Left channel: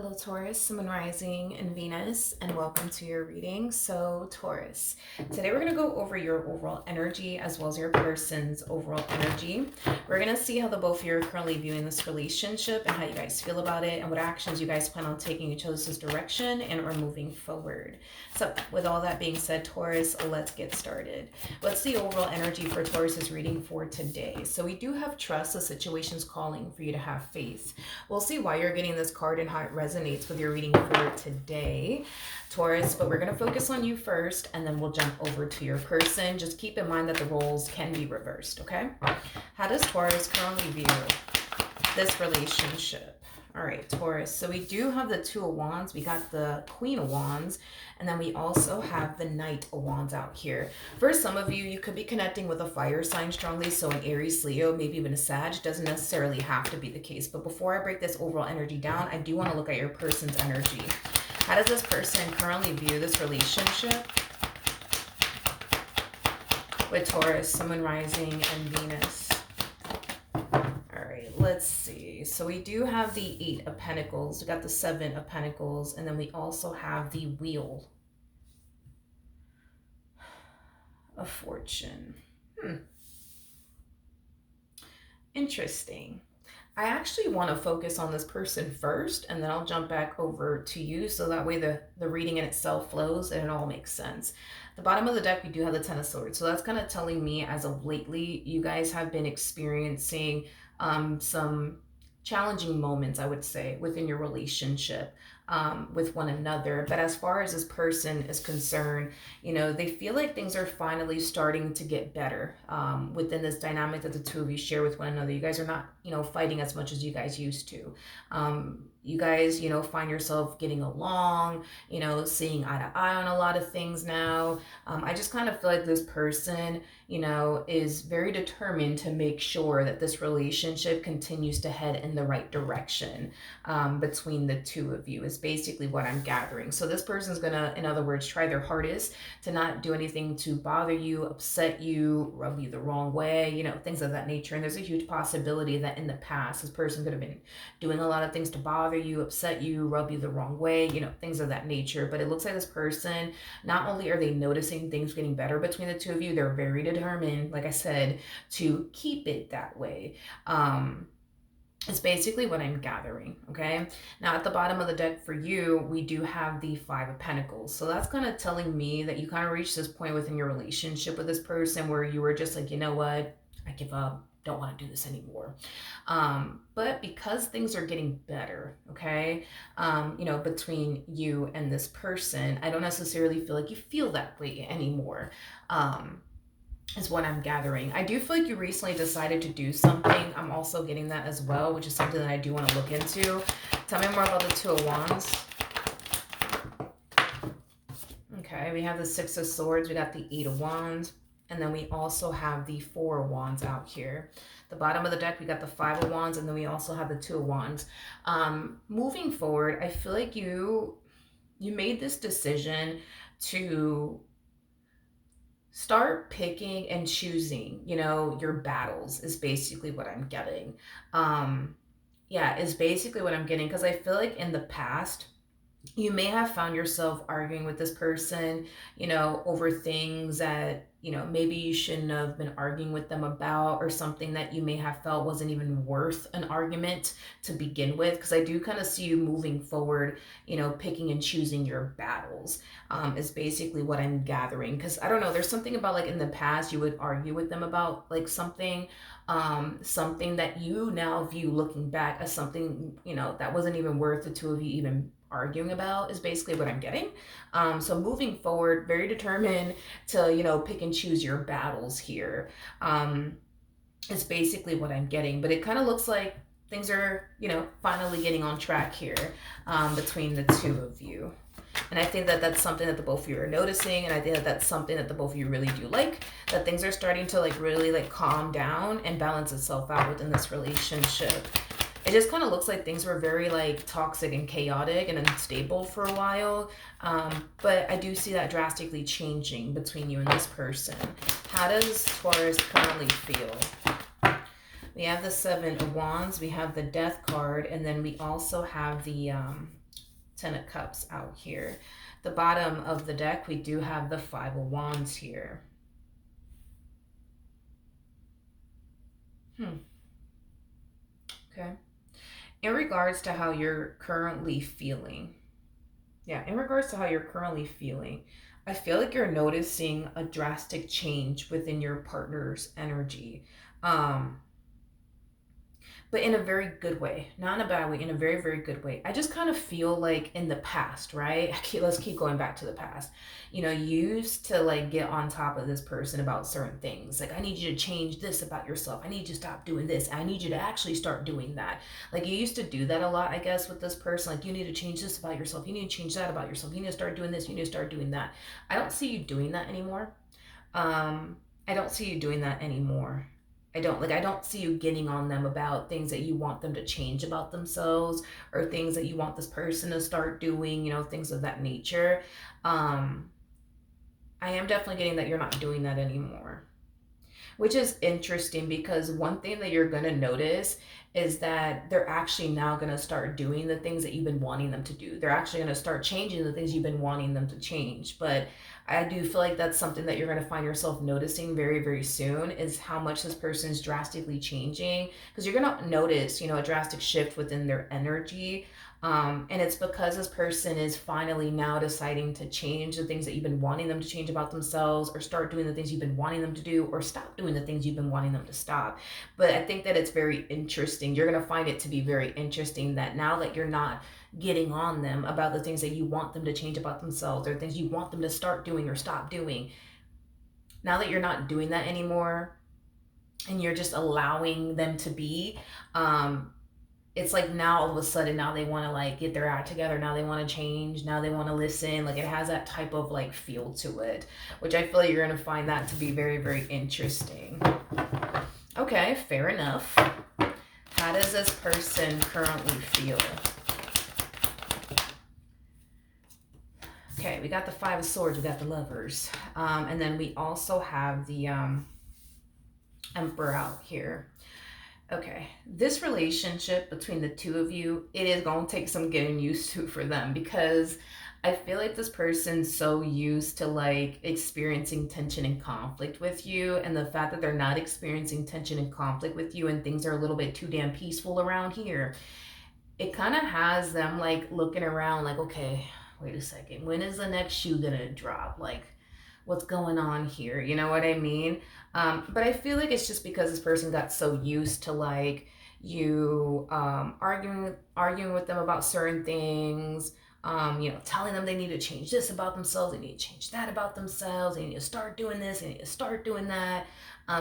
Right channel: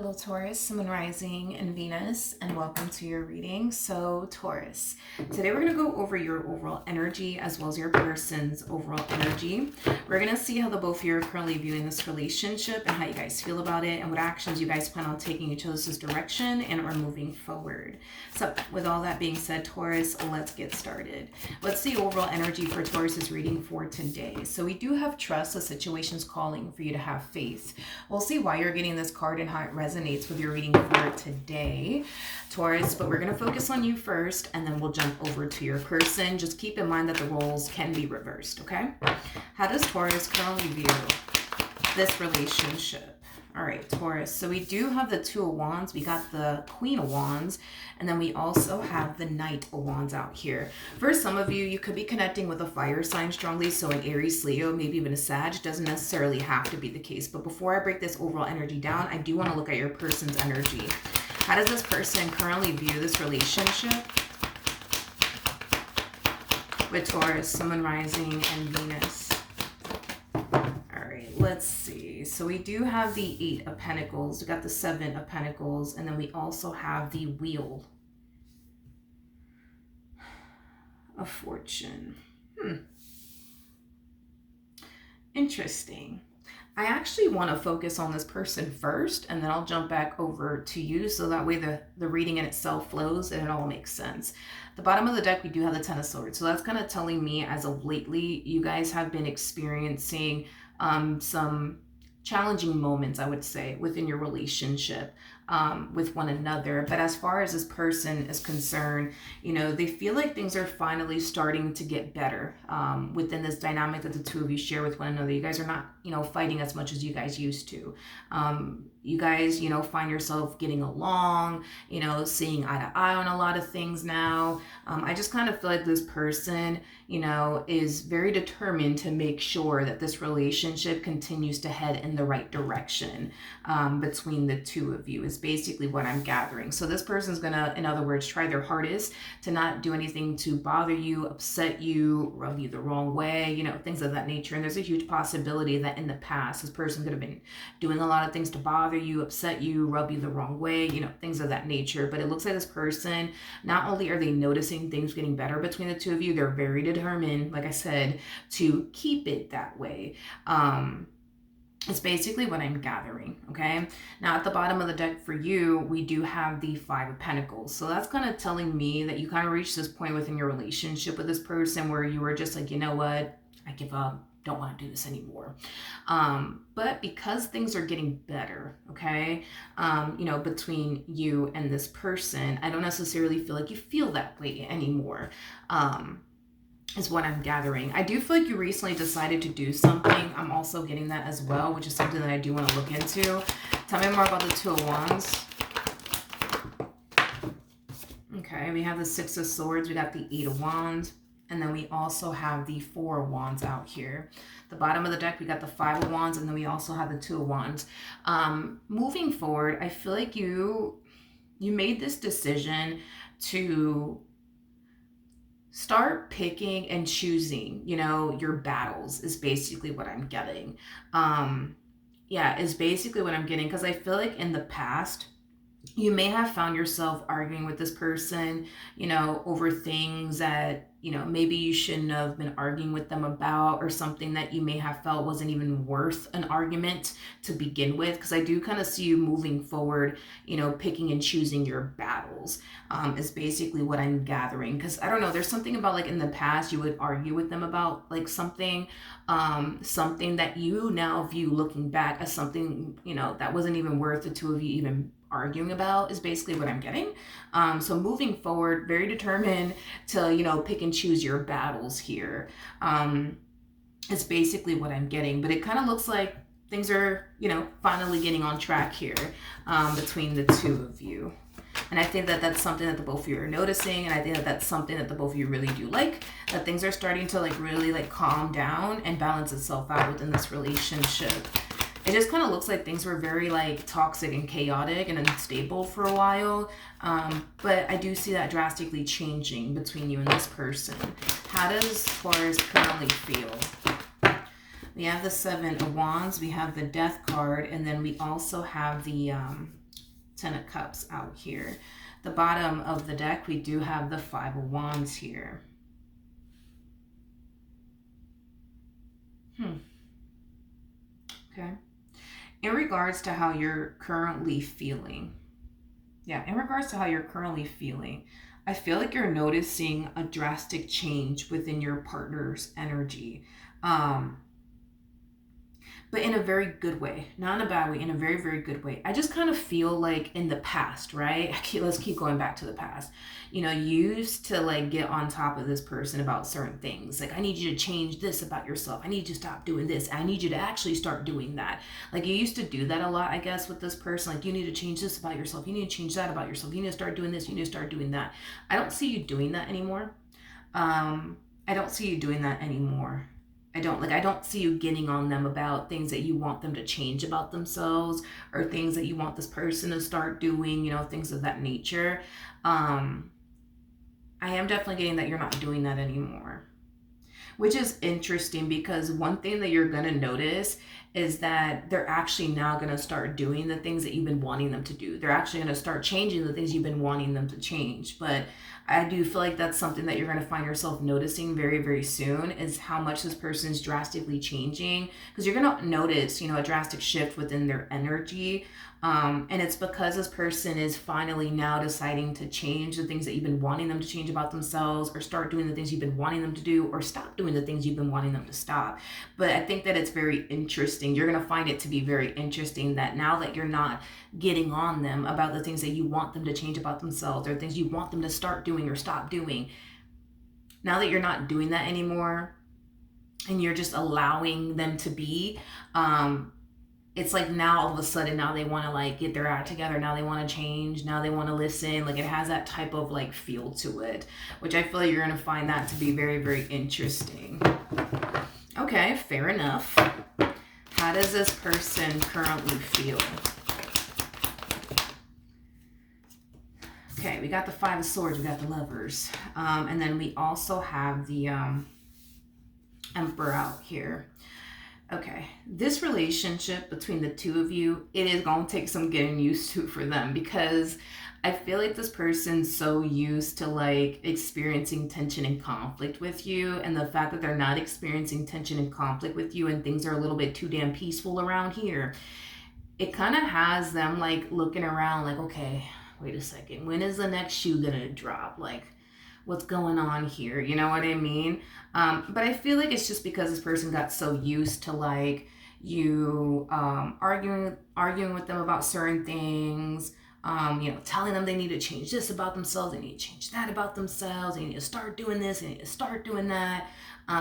Hello, Taurus, Sun Rising, and Venus, and welcome to your reading. So, Taurus, today we're going to go over your overall energy as well as your person's overall energy. We're going to see how the both of you are currently viewing this relationship and how you guys feel about it and what actions you guys plan on taking each other's direction and are moving forward. So, with all that being said, Taurus, let's get started. What's the overall energy for Taurus's reading for today? So, we do have trust. The situation's calling for you to have faith. We'll see why you're getting this card and how it resonates with your reading for today, Taurus, but we're going to focus on you first and then we'll jump over to your person. Just keep in mind that the roles can be reversed, okay? How does Taurus currently view this relationship? All right, Taurus. So we do have the Two of Wands. We got the Queen of Wands. And then we also have the Knight of Wands out here. For some of you, you could be connecting with a fire sign strongly. So an Aries, Leo, maybe even a Sag. Doesn't necessarily have to be the case. But before I break this overall energy down, I do want to look at your person's energy. How does this person currently view this relationship with Taurus, Sun, Rising, and Venus? Let's see. So we do have the Eight of Pentacles. We got the Seven of Pentacles. And then we also have the Wheel of Fortune. Interesting. I actually want to focus on this person first, and then I'll jump back over to you so that way the reading in itself flows and it all makes sense. The bottom of the deck, we do have the Ten of Swords. So that's kind of telling me as of lately, you guys have been experiencing some challenging moments, I would say, within your relationship with one another. But as far as this person is concerned, you know, they feel like things are finally starting to get better within this dynamic that the two of you share with one another. You guys are not, you know, fighting as much as you guys used to. You guys, you know, find yourself getting along, you know, seeing eye to eye on a lot of things now. I just kind of feel like this person, you know, is very determined to make sure that this relationship continues to head in the right direction between the two of you is basically what I'm gathering. So this person's gonna, in other words, try their hardest to not do anything to bother you, upset you, rub you the wrong way, you know, things of that nature. And there's a huge possibility that in the past, this person could have been doing a lot of things to bother you, upset you, rub you the wrong way, you know, things of that nature. But it looks like this person, not only are they noticing things getting better between the two of you, they're very determined, like I said, to keep it that way. It's basically what I'm gathering, okay? Now, at the bottom of the deck for you, we do have the Five of Pentacles. So that's kind of telling me that you kind of reached this point within your relationship with this person where you were just like, you know what? I give up. Don't want to do this anymore. But because things are getting better, okay, you know, between you and this person, I don't necessarily feel like you feel that way anymore. Is what I'm gathering. I do feel like you recently decided to do something. I'm also getting that as well, which is something that I do want to look into. Tell me more about the Two of Wands. Okay, we have the Six of Swords. We got the Eight of Wands. And then we also have the Four of Wands out here. The bottom of the deck, we got the Five of Wands. And then we also have the Two of Wands. Moving forward, I feel like you made this decision to start picking and choosing, you know, your battles is basically what I'm getting. Yeah, is basically what I'm getting, because I feel like in the past, you may have found yourself arguing with this person, you know, over things that, you know, maybe you shouldn't have been arguing with them about, or something that you may have felt wasn't even worth an argument to begin with. Because I do kind of see you moving forward, you know, picking and choosing your battles is basically what I'm gathering. Because I don't know, there's something about like in the past you would argue with them about like something, something that you now view looking back as something, you know, that wasn't even worth the two of you even arguing about, is basically what I'm getting. So moving forward, very determined to, you know, pick and choose your battles here. Is basically what I'm getting. But it kind of looks like things are, you know, finally getting on track here between the two of you. And I think that that's something that the both of you are noticing. And I think that that's something that the both of you really do like. That things are starting to like really like calm down and balance itself out within this relationship. It just kind of looks like things were very like toxic and chaotic and unstable for a while. But I do see that drastically changing between you and this person. How does Taurus currently feel? We have the Seven of Wands, we have the Death card, and then we also have the Ten of Cups out here. The bottom of the deck, we do have the Five of Wands here. Okay. In regards to how you're currently feeling, in regards to how you're currently feeling, I feel like you're noticing a drastic change within your partner's energy. Um, but in a very good way, not in a bad way, in a very, very good way. I just kind of feel like in the past, right? Let's keep going back to the past. You know, you used to like get on top of this person about certain things. Like, I need you to change this about yourself. I need you to stop doing this. I need you to actually start doing that. Like, you used to do that a lot, I guess, with this person. Like, you need to change this about yourself. You need to change that about yourself. You need to start doing this. You need to start doing that. I don't see you doing that anymore. I don't see you doing that anymore. I don't see you getting on them about things that you want them to change about themselves, or things that you want this person to start doing, you know, things of that nature. Um I am definitely getting that you're not doing that anymore, which is interesting because one thing that you're going to notice is that they're actually now going to start doing the things that you've been wanting them to do. They're actually going to start changing the things you've been wanting them to change. But I do feel like that's something that you're going to find yourself noticing very, very soon, is how much this person's drastically changing. Because you're going to notice, you know, a drastic shift within their energy. And it's because this person is finally now deciding to change the things that you've been wanting them to change about themselves, or start doing the things you've been wanting them to do, or stop doing the things you've been wanting them to stop. But I think that it's very interesting. You're going to find it to be very interesting that now that you're not getting on them about the things that you want them to change about themselves, or things you want them to start doing or stop doing, now that you're not doing that anymore and you're just allowing them to be, it's like now all of a sudden now they want to like get their act together, now they want to change, now they want to listen. Like, it has that type of like feel to it, which I feel like you're going to find that to be very, very interesting. Okay, fair enough. How does this person currently feel? Okay, we got the Five of Swords, we got the Lovers, and then we also have the Emperor out here. Okay, this relationship between the two of you, it is going to take some getting used to for them, because I feel like this person's so used to like experiencing tension and conflict with you, and the fact that they're not experiencing tension and conflict with you and things are a little bit too damn peaceful around here, it kind of has them like looking around like, okay, wait a second, when is the next shoe gonna drop? Like, what's going on here? You know what I mean? But I feel like it's just because this person got so used to like you arguing with them about certain things, you know, telling them they need to change this about themselves, they need to change that about themselves, they need to start doing this, they need to start doing that.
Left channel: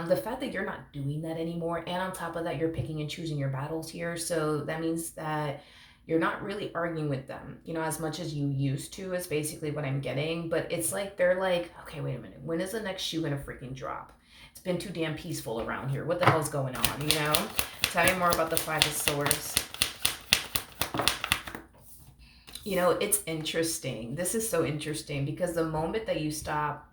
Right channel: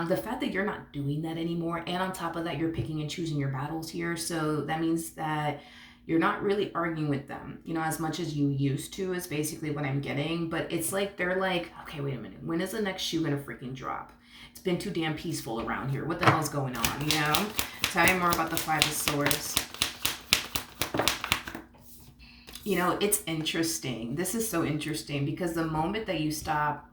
The fact that you're not doing that anymore, and on top of that, you're picking and choosing your battles here. So that means that you're not really arguing with them, you know, as much as you used to, is basically what I'm getting. But it's like they're like, okay, wait a minute, when is the next shoe gonna freaking drop? It's been too damn peaceful around here. What the hell's going on, you know? Tell me more about the Five of Swords. You know, it's interesting. This is so interesting because the moment that you stop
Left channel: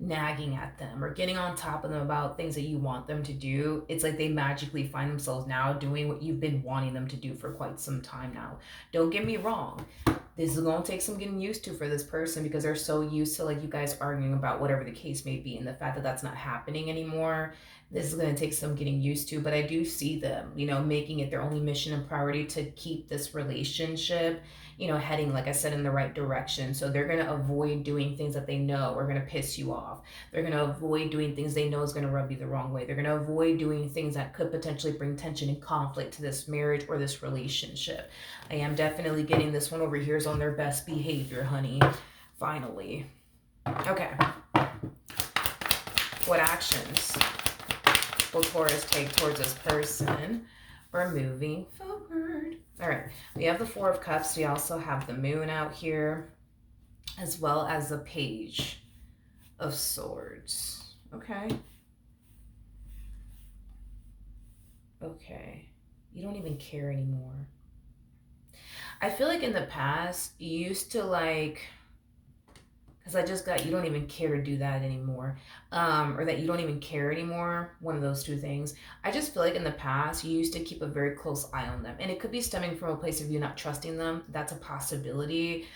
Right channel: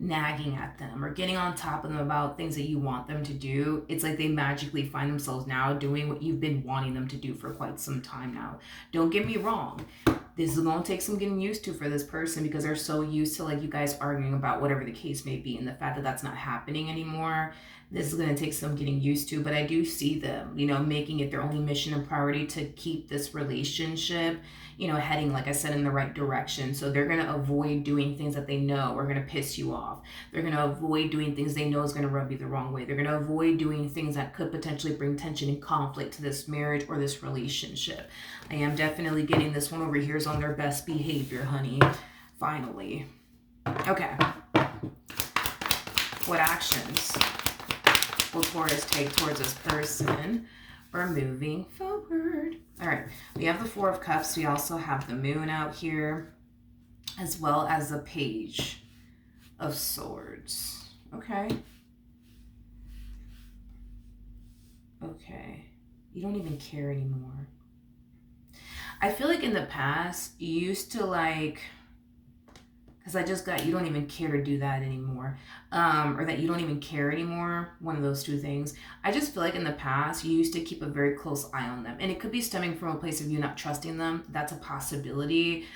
nagging at them or getting on top of them about things that you want them to do, it's like they magically find themselves now doing what you've been wanting them to do for quite some time now. Don't get me wrong, this is going to take some getting used to for this person, because they're so used to like you guys arguing about whatever the case may be, and the fact that that's not happening anymore, this is going to take some getting used to. But I do see them, you know, making it their only mission and priority to keep this relationship, you know, heading, like I said, in the right direction. So they're going to avoid doing things that they know are going to piss you off. They're going to avoid doing things they know is going to rub you the wrong way. They're going to avoid doing things that could potentially bring tension and conflict to this marriage or this relationship. I am definitely getting this one over here is on their best behavior, honey. Finally. Okay. What actions will Taurus take towards this person? We're moving forward. All right, we have the Four of Cups. We also have the Moon out here, as well as the Page of Swords. Okay. Okay. You don't even care anymore. I feel like in the past, you used to like because I just got, you don't even care to do that anymore, or that you don't even care anymore. One of those two things. I just feel like in the past you used to keep a very close eye on them, and it could be stemming from a place of you not trusting them. That's a possibility.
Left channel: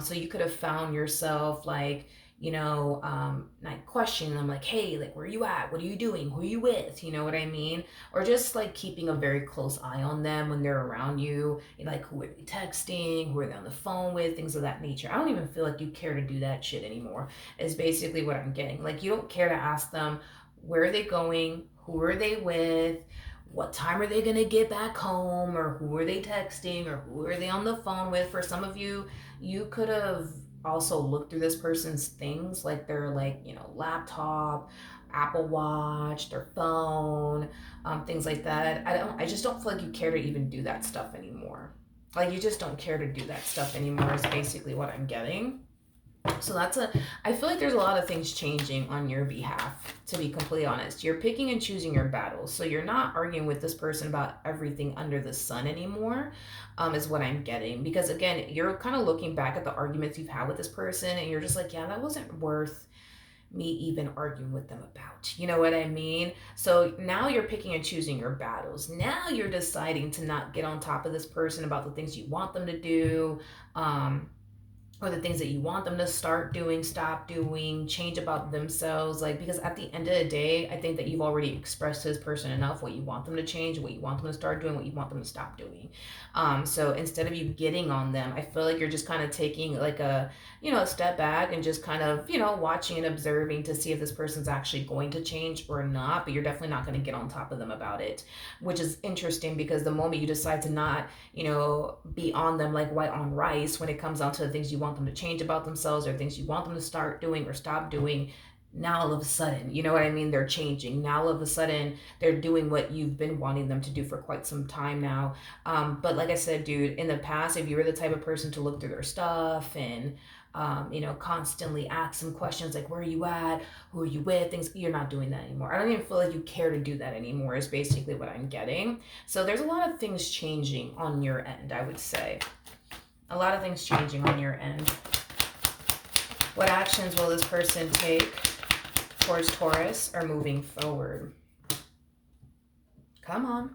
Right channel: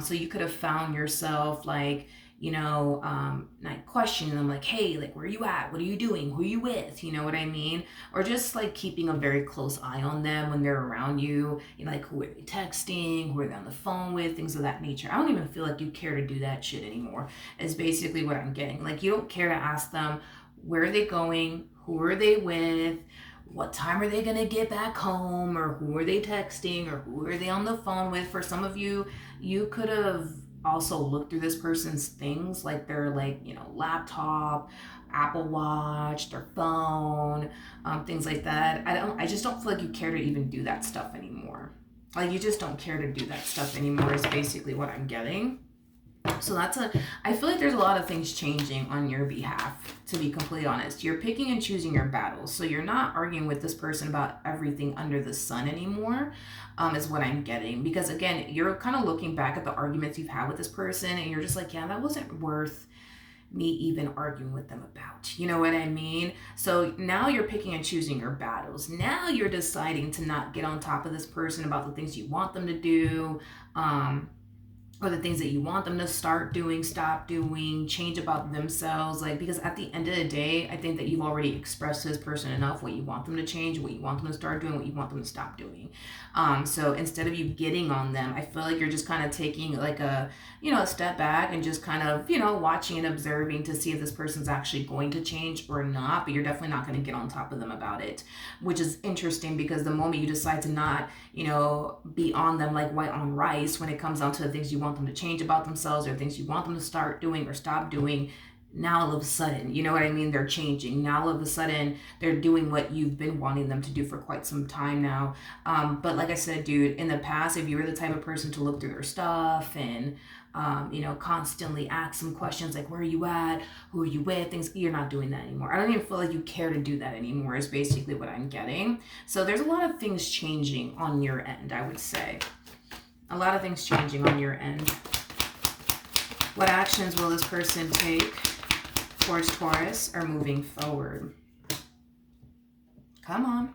So you could have found yourself like, like questioning them, like, hey, like, where are you at? What are you doing? Who are you with? You know what I mean? Or just like keeping a very close eye on them when they're around you. Like, who are they texting? Who are they on the phone with? Things of that nature. I don't even feel like you care to do that shit anymore, is basically what I'm getting. Like, you don't care to ask them where are they going? Who are they with? What time are they going to get back home? Or who are they texting? Or who are they on the phone with? For some of you, you could have also looked through this person's things, like their, like, laptop, Apple Watch, their phone, things like that. I just don't feel like you care to even do that stuff anymore. Like, you just don't care to do that stuff anymore is basically what I'm getting. So I feel like there's a lot of things changing on your behalf, to be completely honest. You're picking and choosing your battles. So you're not arguing with this person about everything under the sun anymore, is what I'm getting. Because again, you're kind of looking back at the arguments you've had with this person and you're just like, yeah, that wasn't worth me even arguing with them about. You know what I mean? So now you're picking and choosing your battles. Now you're deciding to not get on top of this person about the things you want them to do. Or the things that you want them to start doing, stop doing, change about themselves. Like, because at the end of the day, I think that you've already expressed to this person enough what you want them to change, what you want them to start doing, what you want them to stop doing. So instead of you getting on them, I feel like you're just kind of taking like a step back and just kind of, watching and observing to see if this person's actually going to change or not. But you're definitely not going to get on top of them about it, which is interesting because the moment you decide to not, be on them like white on rice when it comes down to the things you want them to change about themselves or things you want them to start doing or stop doing, now all of a sudden, you know what I mean? They're changing. Now all of a sudden, they're doing what you've been wanting them to do for quite some time now. But like I said, dude, in the past, if you were the type of person to look through their stuff and constantly ask some questions like, where are you at? Who are you with? Things, you're not doing that anymore. I don't even feel like you care to do that anymore, is basically what I'm getting. So there's a lot of things changing on your end, I would say. A lot of things changing on your end. What actions will this person take towards Taurus or moving forward? Come on.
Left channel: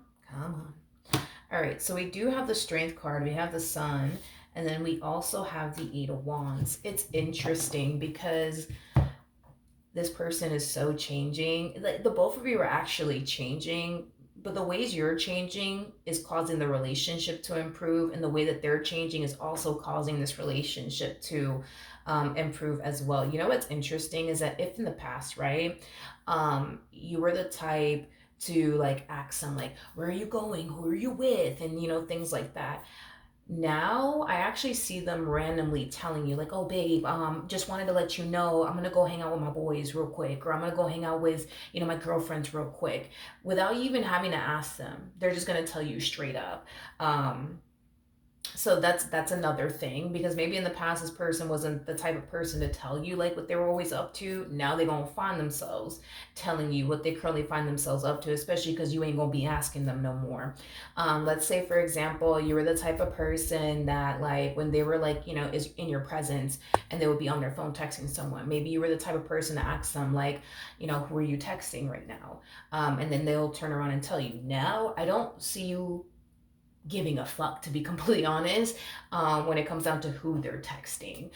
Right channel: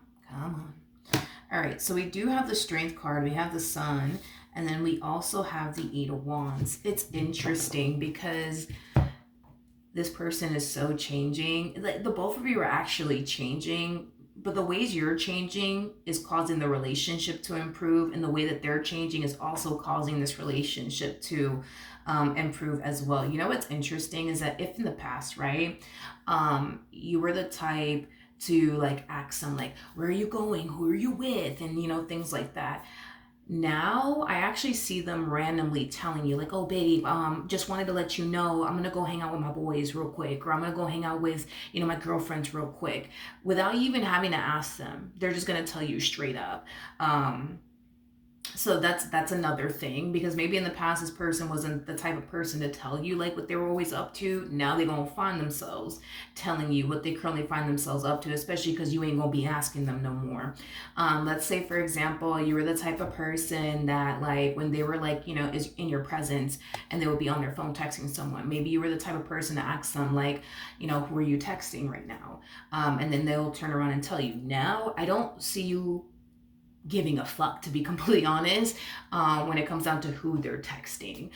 All right, so we do have the Strength card. We have the Sun. And then we also have the Eight of Wands. It's interesting because this person is so changing. Like, the both of you are actually changing, but the ways you're changing is causing the relationship to improve, and the way that they're changing is also causing this relationship to improve as well. You know what's interesting is that if in the past, right, you were the type to like ask them like, where are you going? Who are you with? And things like that. Now I actually see them randomly telling you like, oh babe, just wanted to let you know I'm gonna go hang out with my boys real quick, or I'm gonna go hang out with my girlfriends real quick, without you even having to ask them. They're just gonna tell you straight up. So that's another thing, because maybe in the past this person wasn't the type of person to tell you like what they were always up to. Now they're gonna find themselves telling you what they currently find themselves up to, especially because you ain't gonna be asking them no more. Let's say for example you were the type of person that, like, when they were like is in your presence and they would be on their phone texting someone, maybe you were the type of person to ask them like, who are you texting right now, and then they'll turn around and tell you. Now I don't see you giving a fuck, to be completely honest, when it comes down to who they're texting.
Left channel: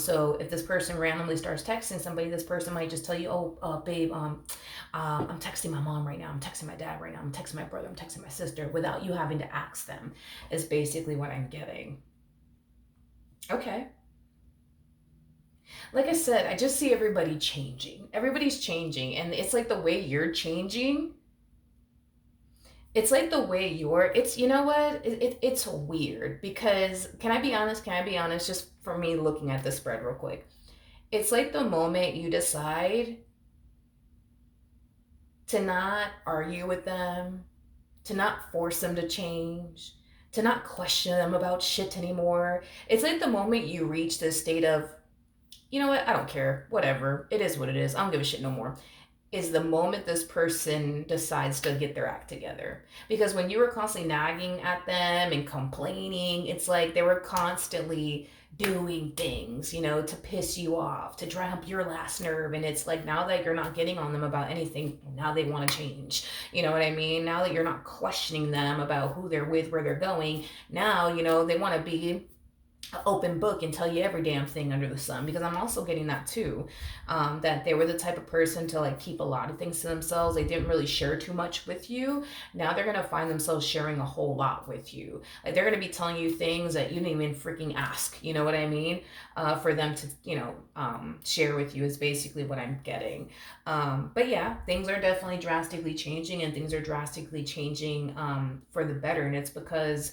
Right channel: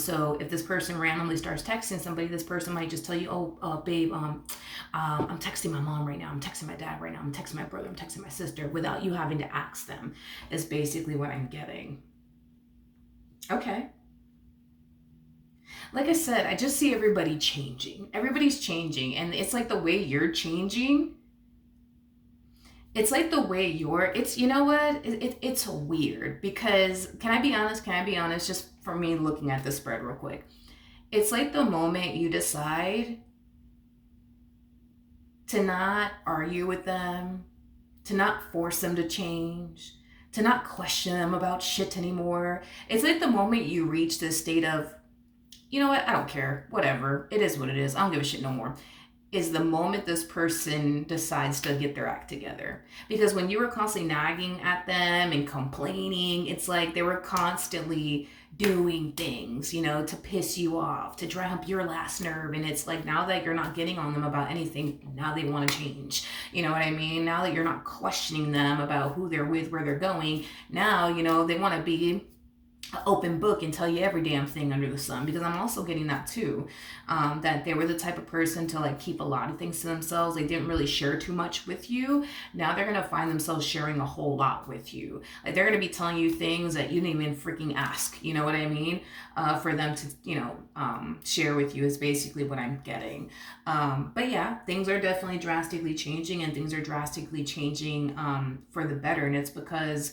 So if this person randomly starts texting somebody, this person might just tell you, oh, babe, I'm texting my mom right now, I'm texting my dad right now, I'm texting my brother, I'm texting my sister, without you having to ask them, is basically what I'm getting. Okay. Like I said, I just see everybody changing. Everybody's changing, and it's like the way you're changing, it's like the way it's, it's weird, because can I be honest, just for me looking at the spread real quick, it's like the moment you decide to not argue with them, to not force them to change, to not question them about shit anymore. It's like the moment you reach this state of, you know what, I don't care, whatever, it is what it is, I don't give a shit no more. is the moment this person decides to get their act together. Because when you were constantly nagging at them and complaining, it's like they were constantly doing things, to piss you off, to dry up your last nerve. And it's like now that you're not getting on them about anything, now they want to change. You know what I mean? Now that you're not questioning them about who they're with, where they're going, now, they want to be an open book and tell you every damn thing under the sun, because I'm also getting that too, that they were the type of person to like keep a lot of things to themselves. They didn't really share too much with you. Now they're gonna find themselves sharing a whole lot with you. Like they're gonna be telling you things that you didn't even freaking ask, you know what I mean, for them to share with you, is basically what I'm getting. But yeah, things are definitely drastically changing, and things are drastically changing for the better. And it's because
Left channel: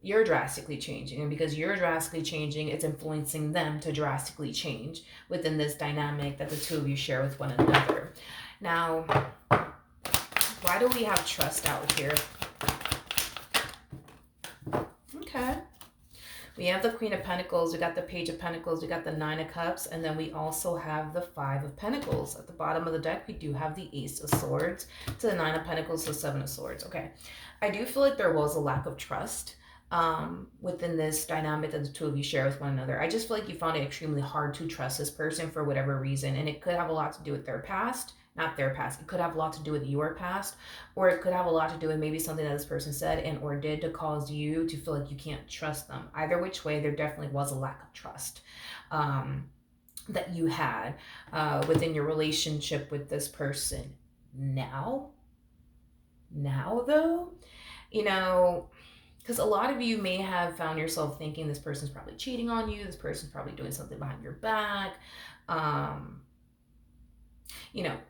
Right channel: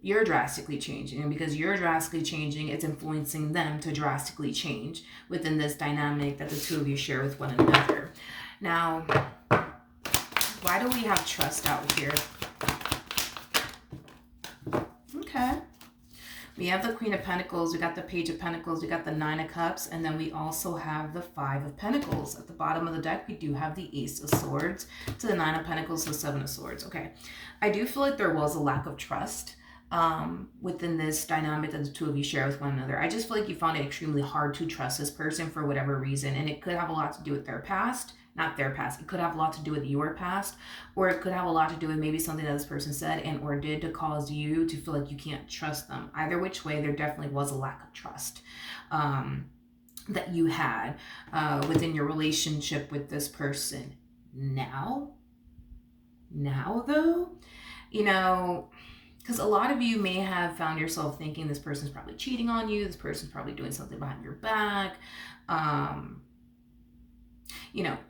you're drastically changing, and because you're drastically changing, it's influencing them to drastically change within this dynamic that the two of you share with one another. Now, why do we have trust out here? Okay, we have the Queen of Pentacles, we got the Page of Pentacles, we got the Nine of Cups, and then we also have the Five of Pentacles. At the bottom of the deck, we do have the Ace of Swords to the Nine of Pentacles to Seven of Swords. Okay, I do feel like there was a lack of trust within this dynamic that the two of you share with one another. I just feel like you found it extremely hard to trust this person for whatever reason, and it could have a lot to do with their past. Not their past, it could have a lot to do with your past, or it could have a lot to do with maybe something that this person said and or did to cause you to feel like you can't trust them. Either which way, there definitely was a lack of trust that you had within your relationship with this person. Now though, because a lot of you may have found yourself thinking this person's probably cheating on you, this person's probably doing something behind your back,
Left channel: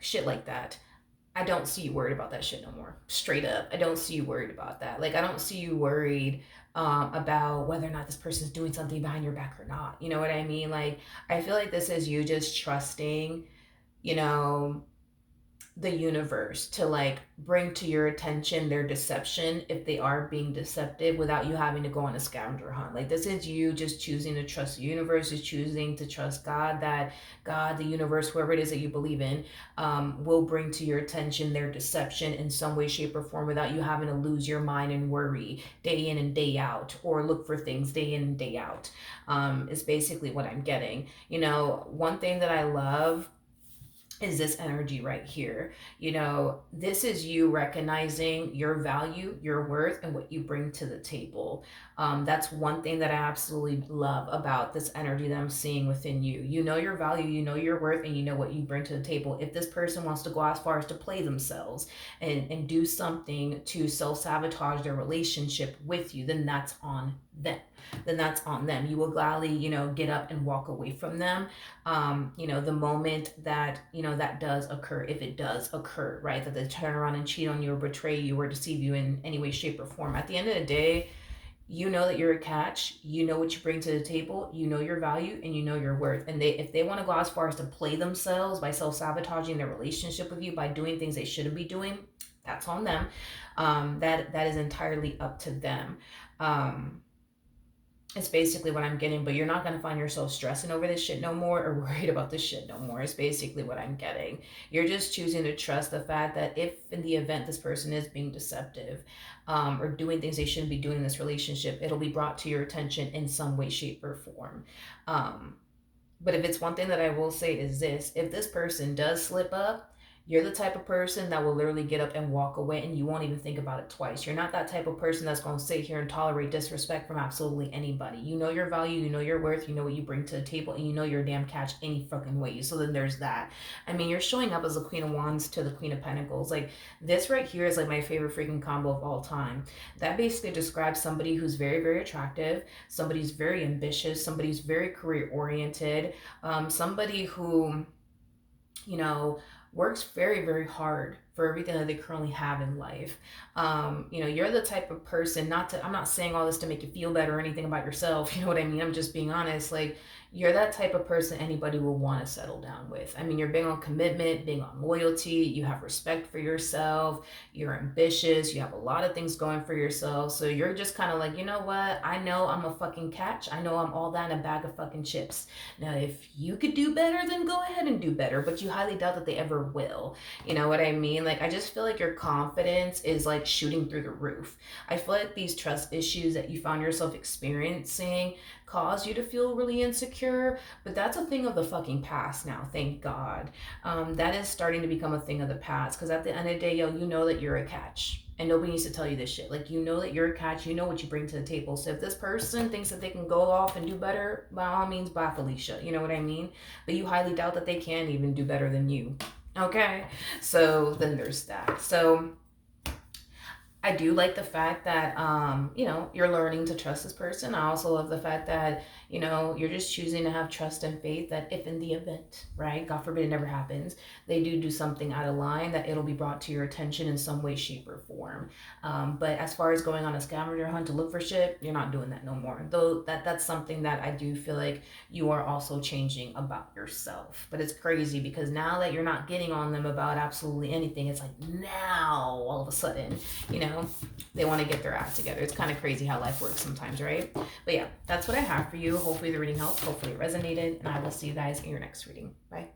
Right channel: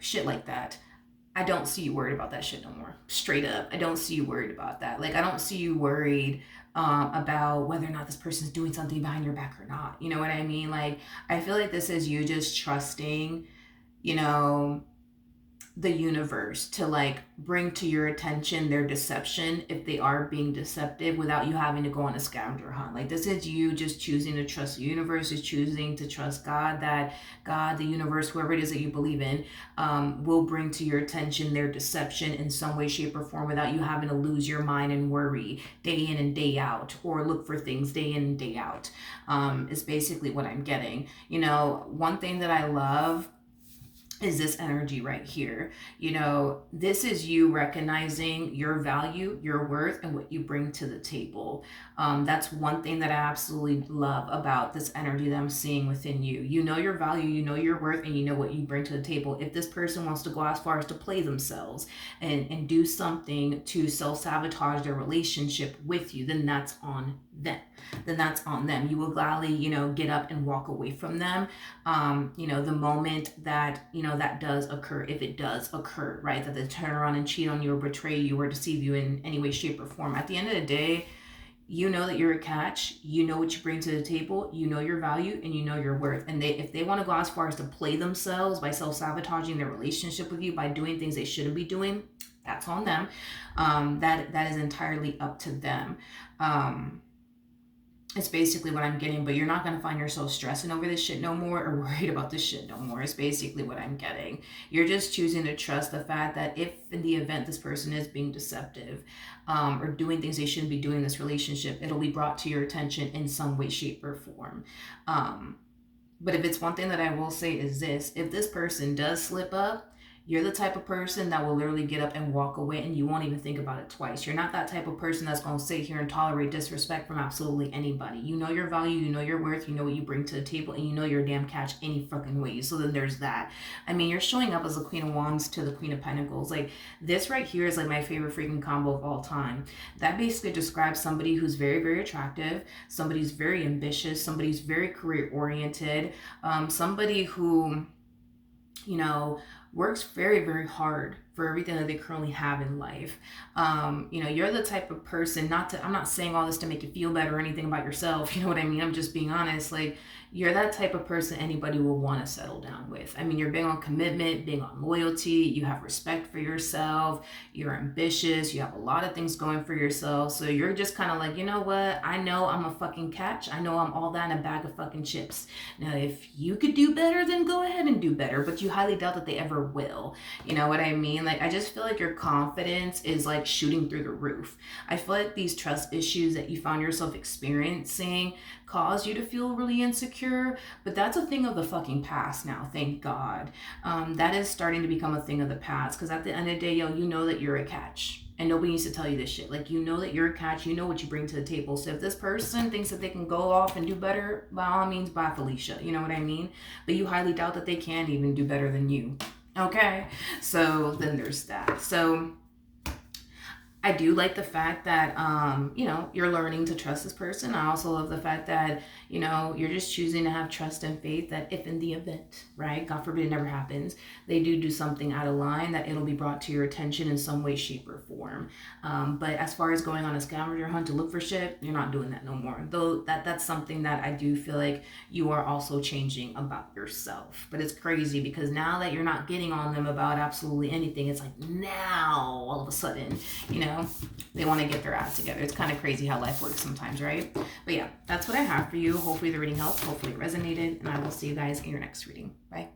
shit like that. I don't see you worried about that shit no more. Straight up, I don't see you worried about that. Like, I don't see you worried about whether or not this person's doing something behind your back or not. You know what I mean? Like, I feel like this is you just trusting, the universe to like bring to your attention their deception if they are being deceptive, without you having to go on a scavenger hunt. Like, this is you just choosing to trust the universe, is choosing to trust God, that God, the universe, whoever it is that you believe in, will bring to your attention their deception in some way, shape, or form, without you having to lose your mind and worry day in and day out, or look for things day in and day out, is basically what I'm getting. One thing that I love is this energy right here. This is you recognizing your value, your worth, and what you bring to the table. That's one thing that I absolutely love about this energy that I'm seeing within you. You know your value, you know your worth, and you know what you bring to the table. If this person wants to go as far as to play themselves and do something to self-sabotage their relationship with you, then that's on them. You will gladly, get up and walk away from them. The moment that, that does occur, if it does occur, right? That they turn around and cheat on you or betray you or deceive you in any way, shape, or form. At the end of the day, you know that you're a catch, you know what you bring to the table, you know your value, and you know your worth. And if they want to go as far as to play themselves by self-sabotaging their relationship with you, by doing things they shouldn't be doing, that's on them. That is entirely up to them. It's basically what I'm getting, but you're not going to find yourself stressing over this shit no more, or worried about this shit no more. It's basically what I'm getting. You're just choosing to trust the fact that if in the event this person is being deceptive, or doing things they shouldn't be doing in this relationship, it'll be brought to your attention in some way, shape, or form. But if it's one thing that I will say is this: if this person does slip up, you're the type of person that will literally get up and walk away, and you won't even think about it twice. You're not that type of person that's going to sit here and tolerate disrespect from absolutely anybody. You know your value, you know your worth, you know what you bring to the table, and you know you're a damn catch any fucking way. So then there's that. I mean, you're showing up as the Queen of Wands to the Queen of Pentacles. Like, this right here is like my favorite freaking combo of all time. That basically describes somebody who's very, very attractive, somebody who's very ambitious, somebody who's very career oriented, somebody who, works very, very hard for everything that they currently have in life. You're the type of person, I'm not saying all this to make you feel better or anything about yourself. You know what I mean? I'm just being honest. Like, you're that type of person anybody will want to settle down with. I mean, you're big on commitment, big on loyalty, you have respect for yourself, you're ambitious, you have a lot of things going for yourself. So you're just kind of like, you know what? I know I'm a fucking catch. I know I'm all that in a bag of fucking chips. Now, if you could do better, then go ahead and do better, but you highly doubt that they ever will. You know what I mean? Like, I just feel like your confidence is like shooting through the roof. I feel like these trust issues that you found yourself experiencing cause you to feel really insecure, but that's a thing of the fucking past now, thank God. That is starting to become a thing of the past, because at the end of the day, yo, you know that you're a catch. And nobody needs to tell you this shit. Like, you know that you're a catch, you know what you bring to the table. So if this person thinks that they can go off and do better, by all means, bye, Felicia. You know what I mean? But you highly doubt that they can even do better than you. Okay? So then there's that. So I do like the fact that you're learning to trust this person. I also love the fact that you're just choosing to have trust and faith that if in the event, right, God forbid it never happens, they do something out of line, that it'll be brought to your attention in some way, shape, or form. But as far as going on a scavenger hunt to look for shit, you're not doing that no more. Though that's something that I do feel like you are also changing about yourself. But it's crazy because now that you're not getting on them about absolutely anything, it's like now all of a sudden, they want to get their act together. It's kind of crazy how life works sometimes, right? But yeah, that's what I have for you. Hopefully the reading helped. Hopefully it resonated. And I will see you guys in your next reading. Bye.